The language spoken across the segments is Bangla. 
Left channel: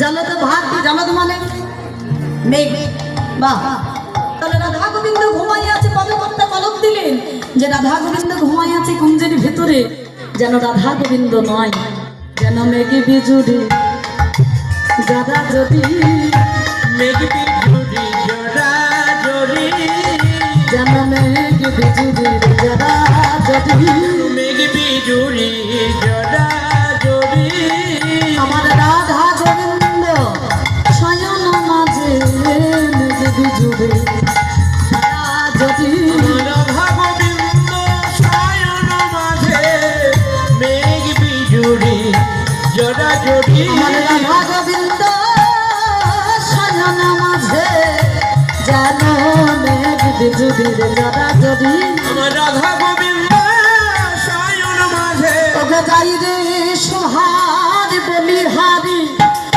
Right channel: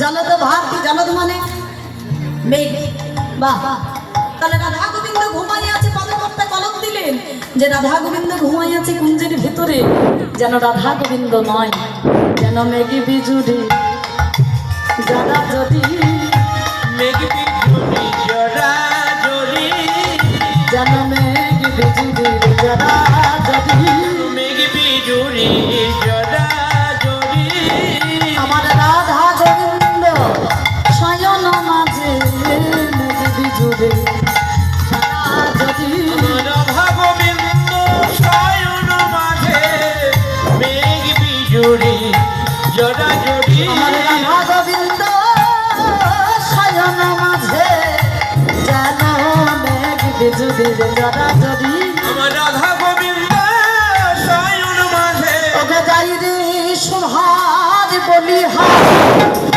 জলদ ভাত জলদ মানে মেঘ। বাহ, তাহলে রাধা গোবিন্দ ঘুমাই আছে, পদকর্তা পলক দিলেন যে রাধা গোবিন্দ ঘুমাই আছে কুঞ্জের ভিতরে, যেন রাধা গোবিন্দ নয়, যেন মেঘ বিজুড়ি জড়া জড়ি, মেঘ বিজুড়ি জড়া জড়ি, যেন মেঘ বিজুড়ি জড়া জড়ি, মেঘ বিজুড়ি জড়া জড়ি। আমার রাধা গোবিন্দ শয়ন মাঝে মেঘ বিজুড়ি জড়ি, রাধা গোবিন্দ শয়ন মাঝে মেঘ বিজুড়ি জড়া জড়ি। আমার রাধা গোবিন্দ শয়ন মাঝে যেন মেঘ বিজুড়ি জড়া জড়ি। আমার রাধা গোবিন্দ শয়ন মাঝে ওগো যাই রে সুহার বলিহার,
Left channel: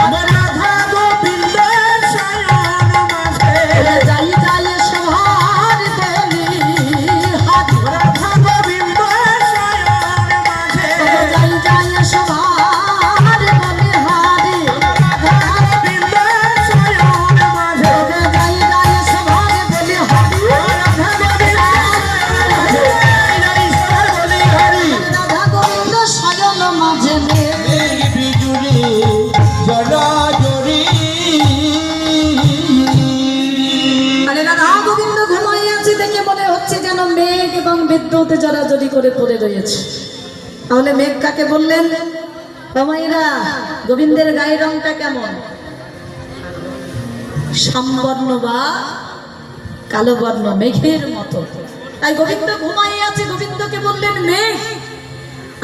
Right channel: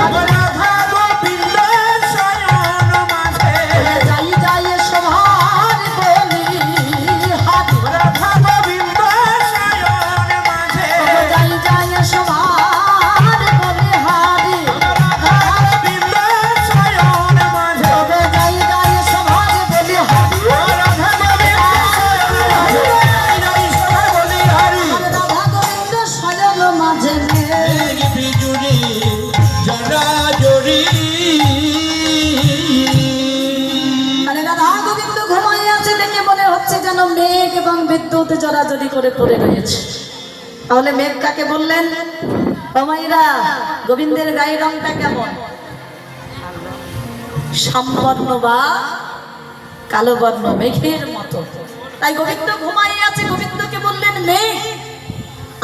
আমার রাধা গোবিন্দ শয়ন মাঝে যাই যাই সুহার বলিহার, রাধা গোবিন্দ শয়ন মাঝে যাই যাই সুহার বলিহার, রাধা গোবিন্দ শয়ন মাঝে ওগো যাই যাই সুহার বলিহার, রাধা গোবিন্দ শয়ন মাঝে মেঘ বিজুড়ি জড়া জড়ি। মানে রাধা গোবিন্দ ঘুমাই আছে দেখে মনে হচ্ছে যেন মেঘ এবং বিদ্যুৎ জড়াজড়ি করে পড়ে রয়েছে। তাহলে মেঘ কাকে বললেন? ওমাইরা, গোবিন্দের গায়ের রংটা কেমন? শ্যামবর্ণ বা কালো বর্ণ, মেঘের মতো। তাই গোবিন্দ ঘুমাই আছে, গোবিন্দকে বললেন মেঘ।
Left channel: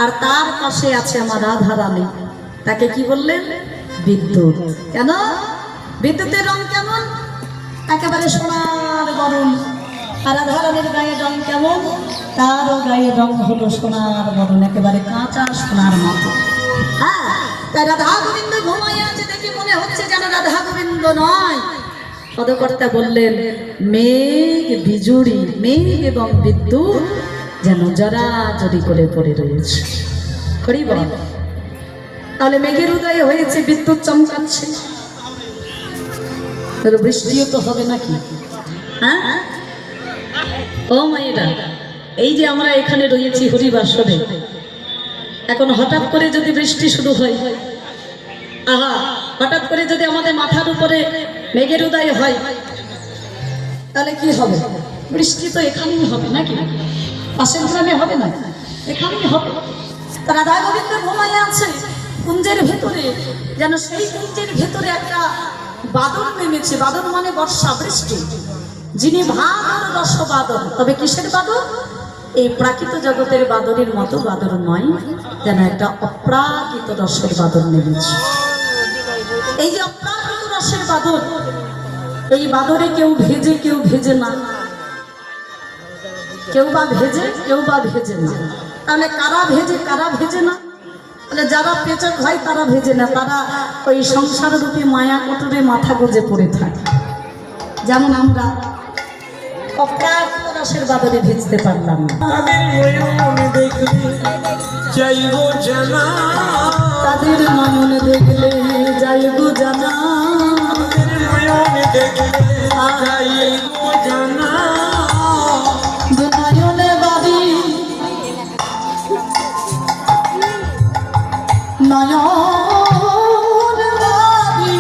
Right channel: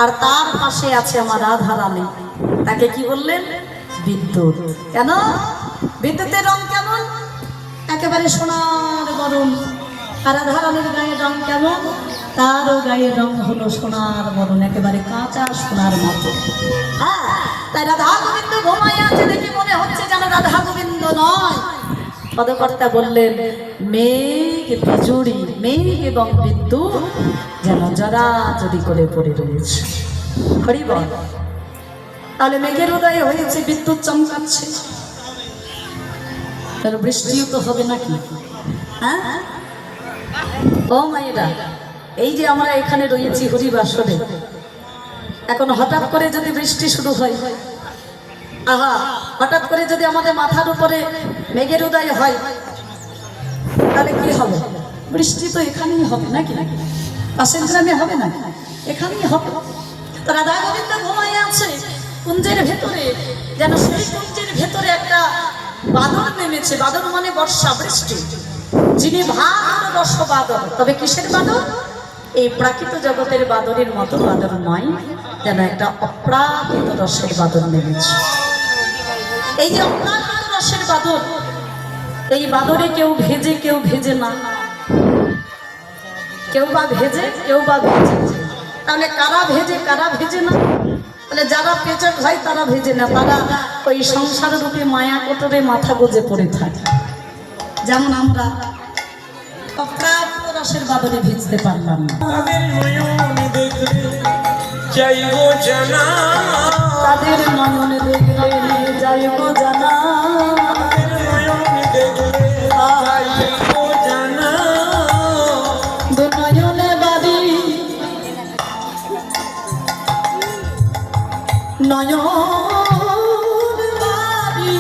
আর তার পাশে আছে আমার রাধা রানী, তাকে কি বললেন? বিদ্যুৎ। কেন? বিদ্যুতের রং কেমন? একেবারে সোনার বরণ। আর রাধা রানীর গায়ের রং কেমন? তারও গায়ের রং হলো সোনার বরণ, একেবারে কাঁচা সোনার মতো। হ্যাঁ, তাই রাধা গোবিন্দ ঘুমাই আছে দেখে মনে হচ্ছে যেন রাধা গোবিন্দ নয়। পদকর্তা বললেন মেঘ বিজুড়ি, মেঘ এবং বিদ্যুৎ যেন জড়াজড়ি করে পড়ে রয়েছে। হরি বল। তাহলে মেঘের উদয় হয়েছে, বিদ্যুৎ চমকাচ্ছে, তার বৃষ্টিও তো হবে নাকি? হ্যাঁ ও মায়েরা, এই যে আমরা এখানে রয়েছি হরিবাসরে, এখন হঠাৎ করে যদি বৃষ্টি শুরু হয়, আহা, হঠাৎ করে যদি আমাদের মাথার উপরে মেঘের উদয় হয়, তাহলে কি হবে? বৃষ্টি তো এখানেই হবে নাকি? পাশের গ্রামে হবে না, এখানেই হবে। তারা রাধা গোবিন্দ ঘুমাই আছে কুঞ্জের ভেতরে, যেন সেই কুঞ্জের ভেতরে একটা বাদল নেমেছে। বাদল মানে বর্ষা, বৃষ্টি। যিনি ভাগ রস বাদল, তবে কিসের বাদল? এই প্রাকৃত জগতের বাদলের মতো বাদল নয়, যেন একটা অপ্রাকৃত রসের বাদল নেমেছে। এই যে অপ্রাকৃত রসের বাদল, এই বাদলে কেউ ভেজে কেউ ভেজে না, কেউ বা ভেজে কেউ বা ভেজে না। তাহলে কারা ভেজে কারা ভেজে না? তাহলে যারা পেচক হয় তারা ভেজে না, তারা ওই সংসার রূপে মায়া কোটরে মাথা গুজে পড়ে থাকে। যেমন আমরা অপ্রাকৃত রসের বাদলে ভেজতে পারলাম না। তাদের নয়ন দেখলে যাই গো জানা, তাদের নয়ন দেখলে যাই গো জানা, তাদের নয়ন দেখলে যাই গো জানা। দু নয়নে বাড়ি নয়ন বাড়ি,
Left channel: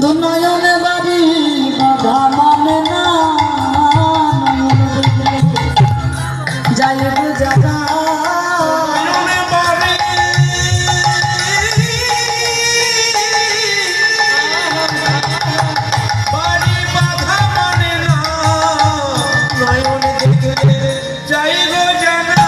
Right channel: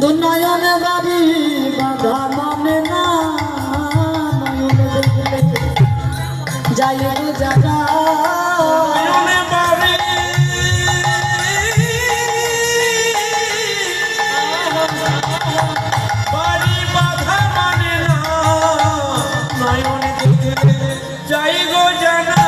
দু নয়ন বাড়ি বাধা মানে না, নয়ন দেখলে যাই গো জানা। নয়নে বাড়ি বাড়ি বাধা মানে না, নয়ন দেখলে যাই গো জানা।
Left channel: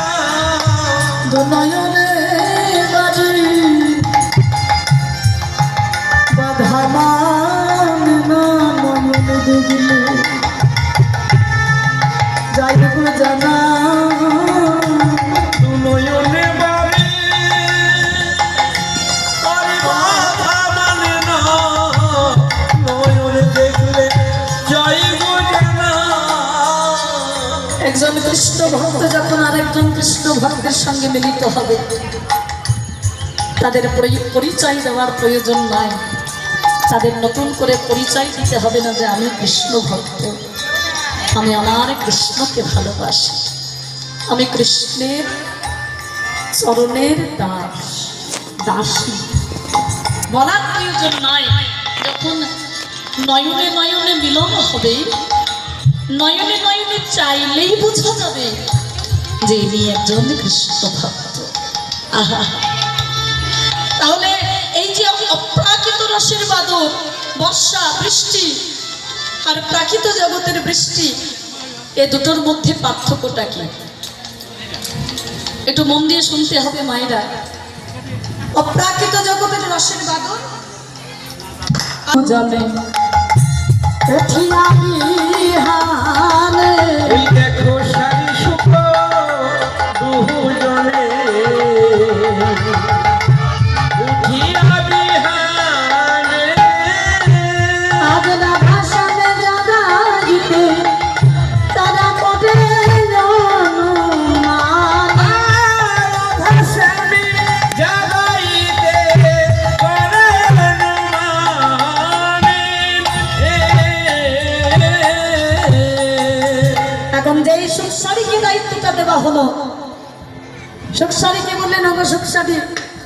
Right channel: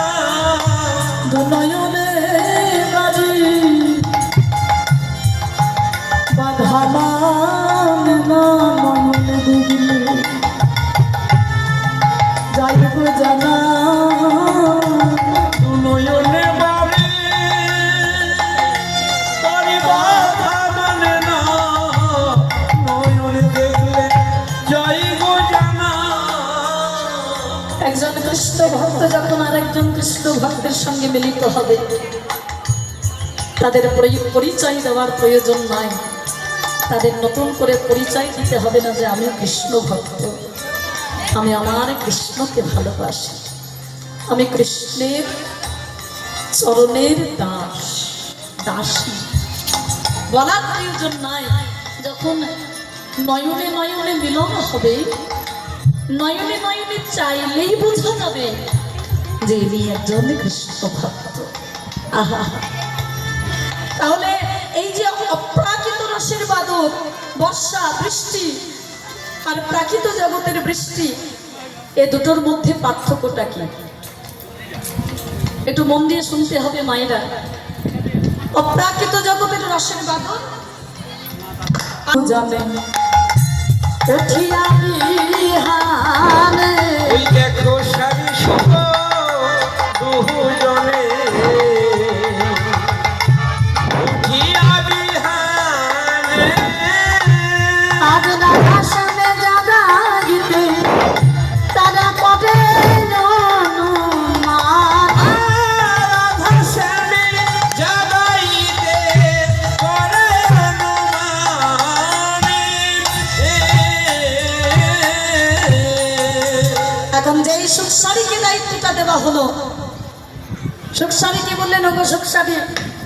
কৃষ্ণ ভক্তের সঙ্গে মিলিত হবে, তাদের পরিচয় দেওয়ার প্রয়োজন নাই। তাদের নতুন করে পরিচয় দিতে হবে না যে আমি কৃষ্ণ ভক্ত, আমি আমার কৃষ্ণকে ভালোবাসি, আমি কৃষ্ণের চরণের দাসী বলার প্রয়োজন নাই। যখন নয়নে নয়নে মিলন হবে, নয়নে নয়নে চাইলেই বোঝা যাবে যে ইনি একজন কৃষ্ণ ভক্ত। আহা, তাহলে এই যে অপ্রাকৃত রসের বাদল, বর্ষা বৃষ্টি আর প্রাকৃত জগতের বৃষ্টি, এ দুটোর মধ্যে পার্থক্যটা কি? একটু মন দিয়ে শুনতে হবে মায়েরা। অপ্রাকৃত জগতের রসের বাদল জানে উঠিয়া বিহানে, ওই দেখো সারি শুভ দুজনে উঠিয়া বিহানে, আজ না ভাষণে জাগাইতে তারা কবে অনুমান, ভাষানি জাগাইতে করে এখন যেই সুখসারীকে দায়িত্বটা দেওয়া হলো, সুখসারীকে বললেন ওগো সুখসারী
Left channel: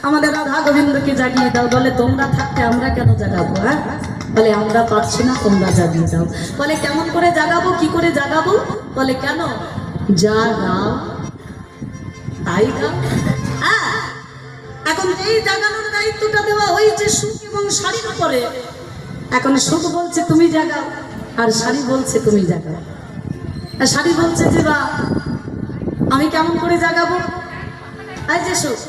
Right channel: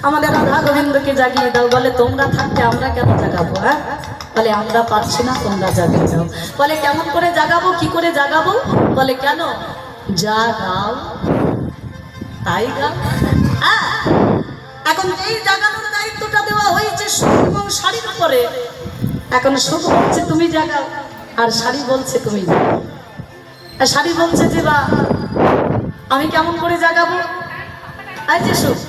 আমাদের রাধা গোবিন্দকে জাগিয়ে দাও। বলে তোমরা থাকতে আমরা কেন জাগাবো? হ্যাঁ, বলে আমরা পারছি না, তোমরা জাগিয়ে দাও। বলে কেমন করে জাগাবো, কি করে জাগাবো? বলে কেন, যা গাও তাই গাও। হ্যাঁ, এখন এই জাগানোর দায়িত্বটা দেওয়া হয়েছে সুখ এবং শাড়ির উপরে। এখন সুখ বলছে তুমি জাগাও, আর শাড়ি বলছে তুমি জাগাও। আর শাড়ি বলছে যে বা আমি কেমন করে জাগাবো? আই যে সুখ,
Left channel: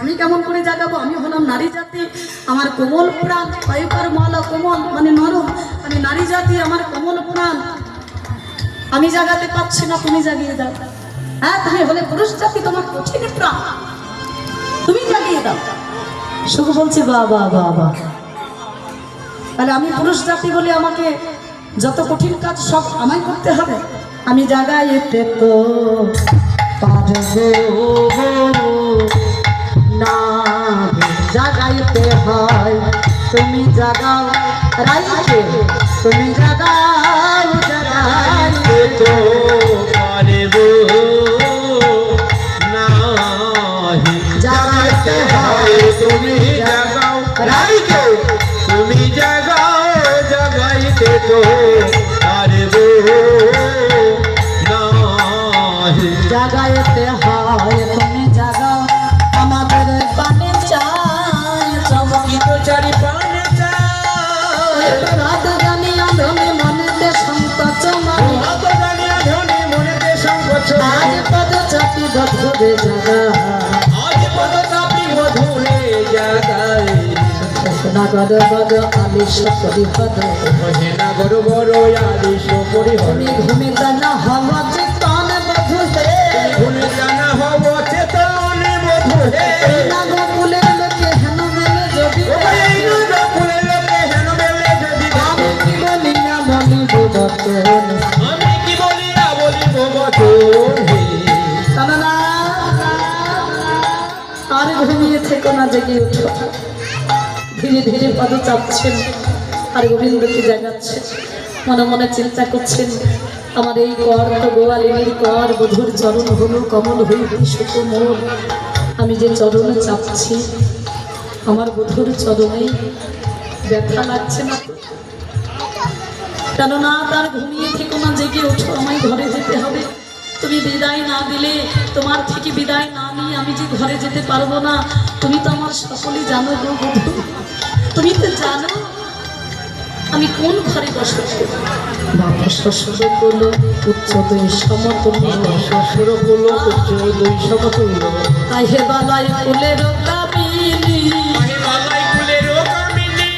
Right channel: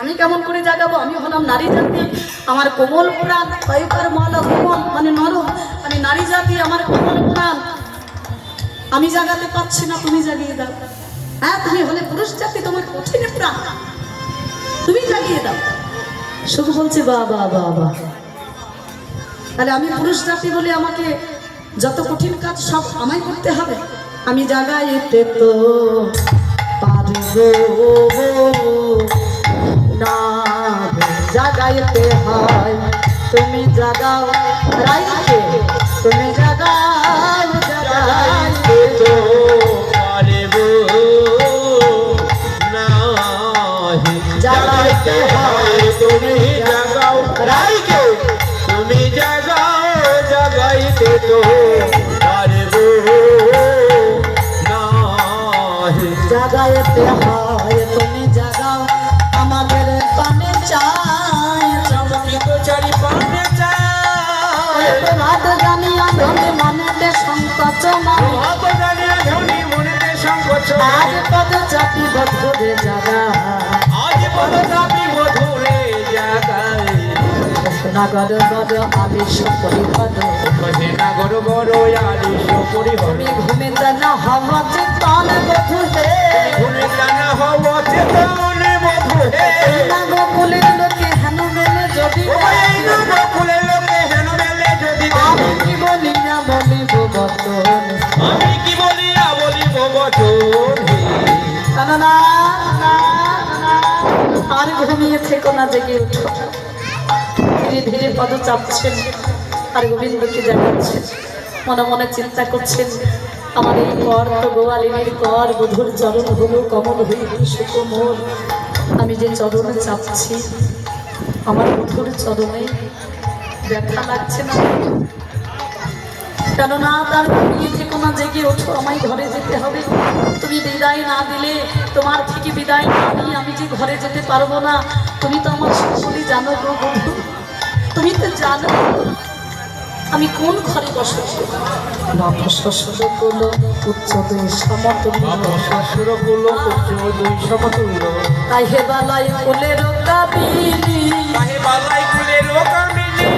আমি কেমন করে জাগাবো? আমি হলাম নারী জাতি, আমার কোমল প্রাণ, কয়কার মালা কোমল মানে নরম, আমি নারী জাতি, আমার কোমল প্রাণ, আমি জাগাতে পারছি না, তুমি জাগিয়ে দাও। হ্যাঁ, তুমি হলে পুরুষ জাতি, তোমার কঠিন প্রাণ, তুমি জাগিয়ে দাও। সুখ বলছি বা বা বা বা, তাহলে আমি পুরুষ জাতি বলে আমাকে যত কঠিন কাজ সব আমায় করতে হবে? আমি জাগাইতে তো পারবো না, জাগাইতে হয় তুমি জাগাও রাইতে, তুমি জাগাও জাগাইতে তো পারবো না, জাগাইতে হয় তুমি জাগাও রাইতে, তুমি জাগাও জাগাইতে তো পারবো না, জাগাইতে হয় তুমি জাগাও, আমাদের পানে চাই চমকিত চারি পানে চায় রাত জানিয়া ধনে মনেতে সংকোচ মানে, অবদানে ধনী মনেতে সংকোচ, আজ পদ চাপি বধুরে জাগা, আজ পদদাবি মধুরে জাগায়, নাগর বদ আলিশ পরিপদ, কহে না গরু বড় আলিশ পরিহর, তুমি ঘুমিতে না হব চিত্তন বধু হে, ঘুমে কানা হব চেতনে মধু হে, নাগ ফুলের লোকে হেন মেলে যদি ওই নাগ ফুলের লোকে হেন মেলে যদি আমি কি বলি না বলিব বচন, আমি কি বলিয়া বলিব বচন হে, না আর ঘুমিয়ে থেকো না, জেগে উঠো। ধীরে ধীরে পদ চাপছেন আর গোবিন্দকে জাগাচ্ছেন, মনে মনে চিন্তা করছেন আমার এই কর তো গোয়ালিনীর কর, বুধুর চরণ হলো কমল হইতে সুকোমল, আমি যে চরণে চাপছি আমার বুধুর চরণে ব্যথা লাগছে না? কেননা তার ঘুমিয়ে থেকো না, জেগে ওঠো, আমায় ঘরে যেতে হবে। তুমি বিদায় না দিলে, তোমার থেকে বিদায় না নিয়ে আমি যে ঘরে যেতে পারবো না। তুমি তো আমার সকলেই জানো গো বধূ, তুমি তো জানো আমি কোন ঘরে বসবাস করি। বাবা শ্বশুর করলো উচ্চ দুই সমতুল্য, আমার শ্বশুর হলো উচ্চ দুই সমতুল্য, তাই হে বালাই ফুলের কাবিনী, আগে বাবাই কুলের কামিনী,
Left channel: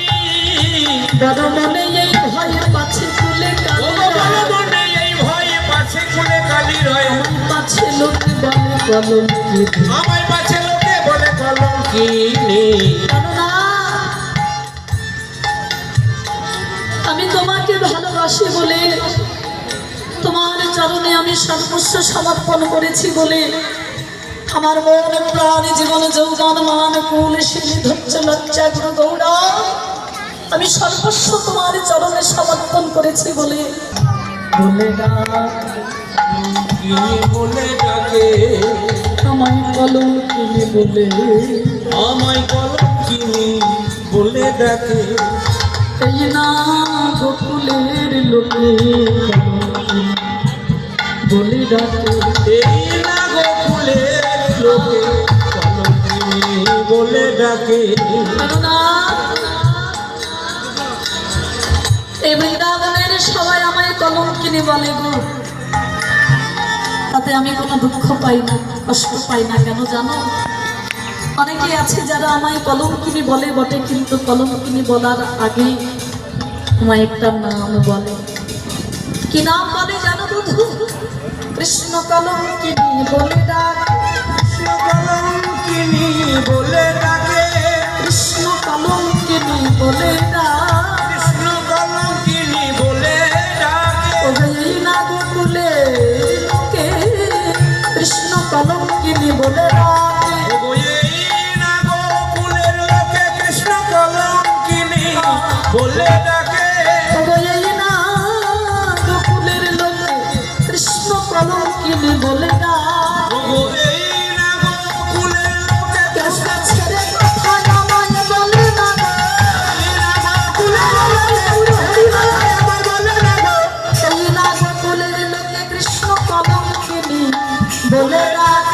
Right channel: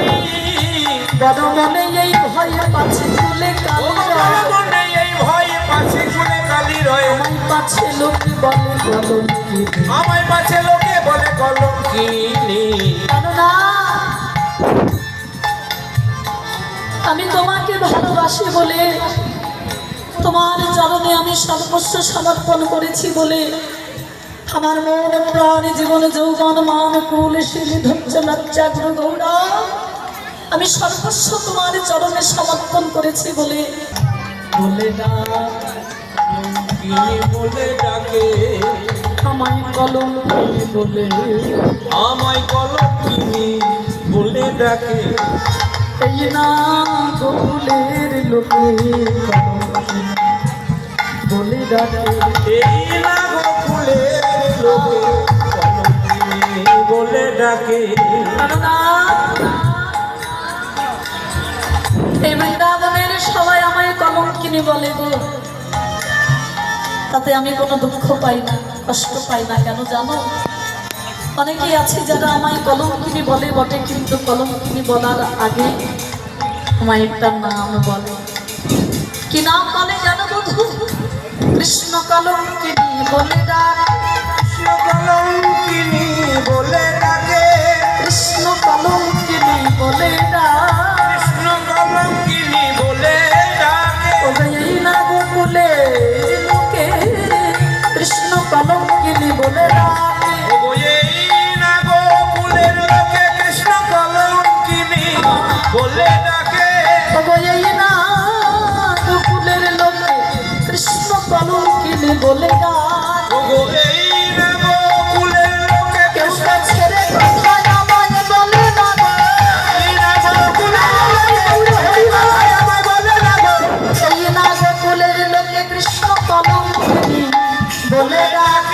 বড় মনে এই ভয়ে পাছে ফুলে ও বড় মনে এই ভয়ে পাছে ফুলে কালি রয়, আমার পাছে লোক বলে কলঙ্কি, আমায় পাছে লোকে বলে কলঙ্কিনী, কেননা আমি তোমাকে ভালোবাসি বলে, তোমার চরণে আমি সর্বস্ব সমর্পণ করেছি বলে আমার মন প্রাণ জীবন যৌবন মান কুল শিল ধৈর্য লজ্জা গুরু গৌরব আমি সর্বস্ব তোমার চরণে সমর্পণ করেছি বলে ডাক কি বলে ডাকে আমায় কলম বলে আমায় কলঙ্কিনী বলে ডাকে এই না গোকুলের লোকে বলে ডাকে এই না গোকুলের লোকে কলঙ্কিনী বলে ডাকে না, এই বৃন্দাবনের সবাই আমায় কলঙ্কিনী বলে গো, তাতে আমি কোনো দুঃখ পাই না, কষ্ট পাই না। কেন জানো? অনেকেই আছে যারা আমায় কলঙ্কিনী বলে বটে, কিন্তু কলঙ্কিনী বলার আগে আমায় একটা নাম বলে। কি নাম বলে জানো বধূ? কৃষ্ণ কলঙ্কিনী বলে ডাক, কৃষ্ণ কলঙ্কিনী বলে ডাকে কৃষ্ণ কলঙ্কিনী বলে ডাক। কৃষ্ণ কলঙ্কিনী বলে ডাকে এই না গোকুলে লোকে কৃষ্ণ কলঙ্কিনী বলে ডাকে। এই না গোকুলের লোকে কৃষ্ণ কলঙ্কিনী বলে ডাকে এই না গোকুলের লোকে কৃষ্ণ কলঙ্কিনী বলে ডাক। এই না গোকুলের লোকে কেউ তো ছেড়ে কোথায় আমায় বলে না গো, এই না গোকুলের আমায় বলে না গো। এই না গোকুলের লোকে কৃষ্ণ কলঙ্কিনী বলে ডাক।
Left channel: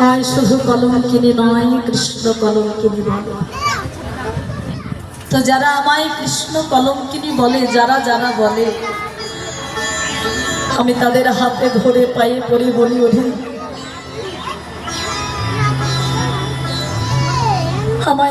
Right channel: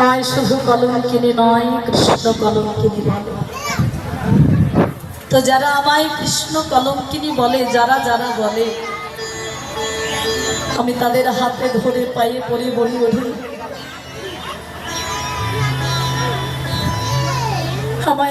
আমায় শুধু কলঙ্কিনী নয়, কৃষ্ণ কলঙ্কিনী বলে। তো যারা আমায় কৃষ্ণ কলঙ্কিনী বলে, যারা যারা বলে, আমি তাদের হাতে ধরে পায়ে পড়ি বলি ওঠি আমায়